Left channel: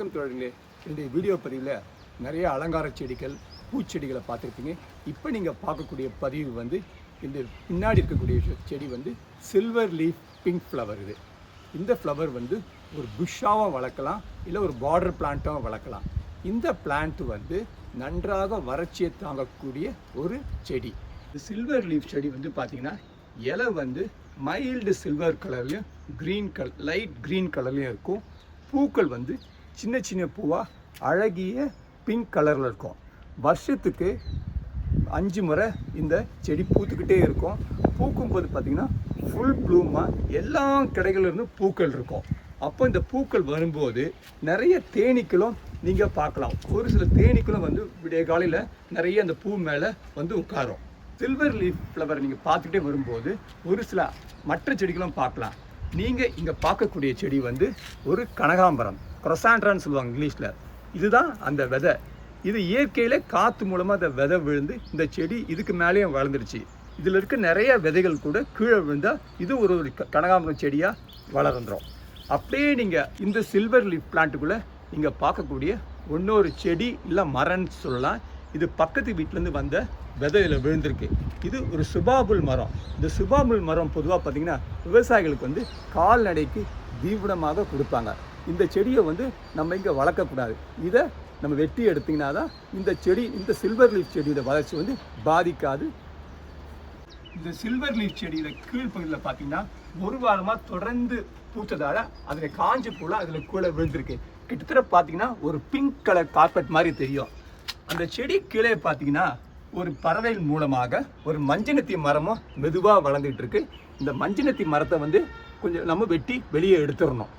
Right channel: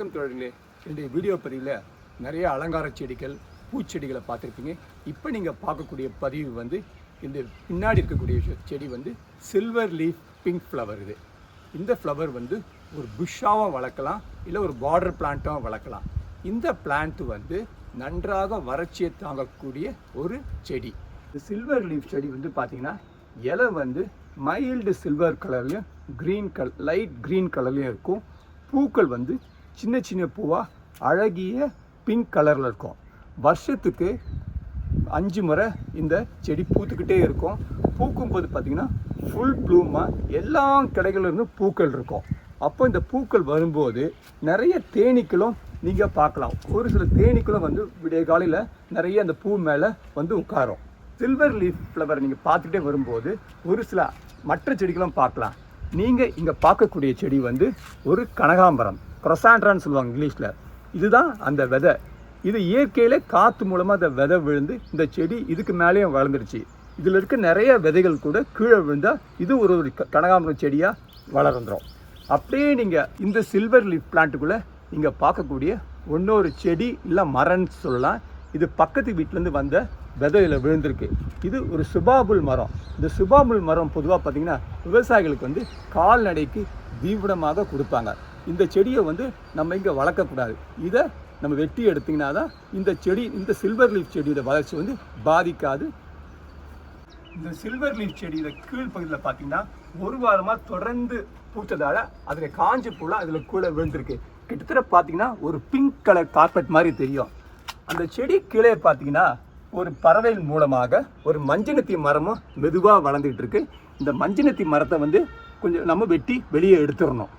வணக்கம் தோழர்களே, என்னுடைய வீடியோ பதிவில் நிறைய அலங்கார செடிகள் பூச்செடிகளை பார்த்துருப்பீங்க. இப்போ நீங்கள் பார்க்கக்கூடிய பதிவு வந்து இந்த பின்னாடி இருக்கக்கூடிய செடி வந்து சில்வர் லீஃப் பிங்க் ஃப்ளவர். இந்த ஃப்ளவர் வந்து ஒரு புஷ்ஷாகவும் வளர்க்கலாம், இல்லை ஒரு பார்டர் பிளான்ட்டாகவும் வளர்க்கலாம். இந்த பிளான்ட் வந்து நன்றாக வறட்சியை தாங்கக்கூடிய ஒரு செடி. இந்த சில்வர் லீஃப் செடி வந்து பார்த்திங்கன்னா இலை வந்து மைல்டு சில்வர் கலர்லையும் லைட் க்ரீன் கலர்லையும் இருக்கும். பூக்கள் வந்து சின்ன சின்ன பூவாக அழகிய பிங்க் கலரில் இருக்கும். வருஷத்துக்கு 5 முறை இந்த செடி பூத்துக்கிட்டே இருக்கும். பூக்கும்போது பார்த்திங்கன்னா ஃபுல் ப்ளூமாக எல்லா கடைகளிலிருந்தும் பூக்கள் இருக்கும். அப்போ இந்த பூக்கள் வரும்போது நிறைய தேனீக்களும் நீங்கள் பார்க்கலாம். ஒரு சில தேனீக்களும் வந்து விடிய காலையில் நிறைய அந்த பூ மேலே வந்து உட்காரும். சில்வர் லீஃப் ஃப்ளவர் நீங்கள் பார்த்துட்டே வரும்போது ஒரு சில மற்ற செடிகளும் பார்க்கலாம். நீங்கள் இங்கே பார்க்கக்கூடிய செடி வந்து ஒரு கனகாம்பரம், க்ரொசாண்ட்ரான்னு சொல்லுவாங்க இங்கிலீஷில். இதுதான் அந்த விதை. இது இயற்கையில் காற்று மூலமாக அந்த விதை விழுந்து இந்த செடி இதுக்கு மேலேயும் வளர்ந்துருச்சு. இதில் இருக்க நிறைய விதைகள் கூட கீழே விழுந்தால் இது ஒரு கனகாம்பரம் செடியாக வளர்ந்துடும். அப்படியே நீங்கள் இந்த சில்வர் லீஃப் பிளான்ட்டுக்குள்ளே நீங்கள் பார்க்கக்கூடிய இன்னொரு செடி இல்லை மரம்னு சொல்லலாம். இது பக்கத்து வீட்டிலேருந்து வந்த விதையில் விழுந்திருக்கு. இது ஒரு சுபாபுல் மரம். இந்த சுபாபுல் மரம் பொதுவாக பார்த்திங்கன்னா விவசாயிகளுக்கு வந்து கால்நடைக்கு தீவிரமாக கொடுப்பாங்க. இந்த செடியை வந்து நம்ம இங்கே வளர்க்கக்கூடாது. இதை நம்ம வெட்டி எடுத்திங்கன்னா தான் இந்த செடி, இந்த சில்வர் லீஃப் செடியோட வளர்ச்சி வந்து பாதிக்காது. இந்த சில்வர் லீஃப் செடியில் கீழ்ப்பகுதியில் பார்த்தீங்கன்னா ஒரு வாரமாக தொடர்ந்து பூத்ததால் அதில் காஞ்சி பூலாம் அதில் கூட விழுந்திருக்கு. கிட்டத்தட்ட பார்த்தீங்கன்னா ஒரு பிங்க் கலர் கார்பெட் மாதிரி தெரியும். அந்த செடி கீழே பார்த்தீங்கன்னா ஒரு பறவை மூலமாக ஒரு மஞ்சனத்தி மரமும் மெதுவாக வளர்ந்துக்கிட்டு இருக்கு. இந்த மஞ்சனத்தி மரத்தை வந்து கொஞ்சம் நம்ம வெட்டி வெளியே எடுத்துடணும்.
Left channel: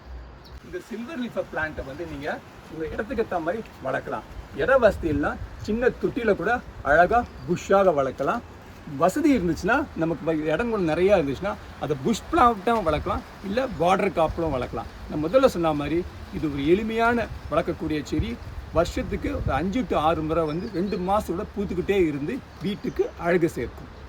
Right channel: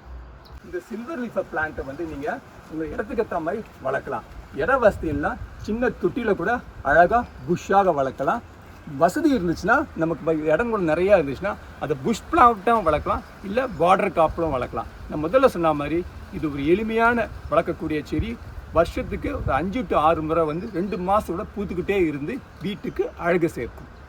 இந்த சில்வர் லீஃப் பிளான்ட்டை வந்து நீங்கள் உங்கள் இடத்துக்கு ஏற்ற மாதிரி வளர்க்கலாம். இட வசதியெல்லாம் சின்ன தொட்டியில் கூட அழகாக புஷ்ஷாக வளர்க்கலாம். வசதி இருந்துச்சுன்னா, நமக்கு இடம் கூட நிறையா இருந்துச்சுன்னா அதை புஷ் பிளான்ட்டாகவும் வளர்க்கலாம், இல்லை பார்டர் காப்பிலும் வளர்க்கலாம். நான் முதல்ல சொன்ன மாதிரி இது ஒரு எளிமையான வளர்க்கக்கூடிய செடி. வருஷத்துக்கு ஒரு 5 to 6 முறை வந்து 2 மாதத்தோட பூத்துக்கிட்டே இருந்து வீட்டுக்கு அழகு சேர்க்கும்.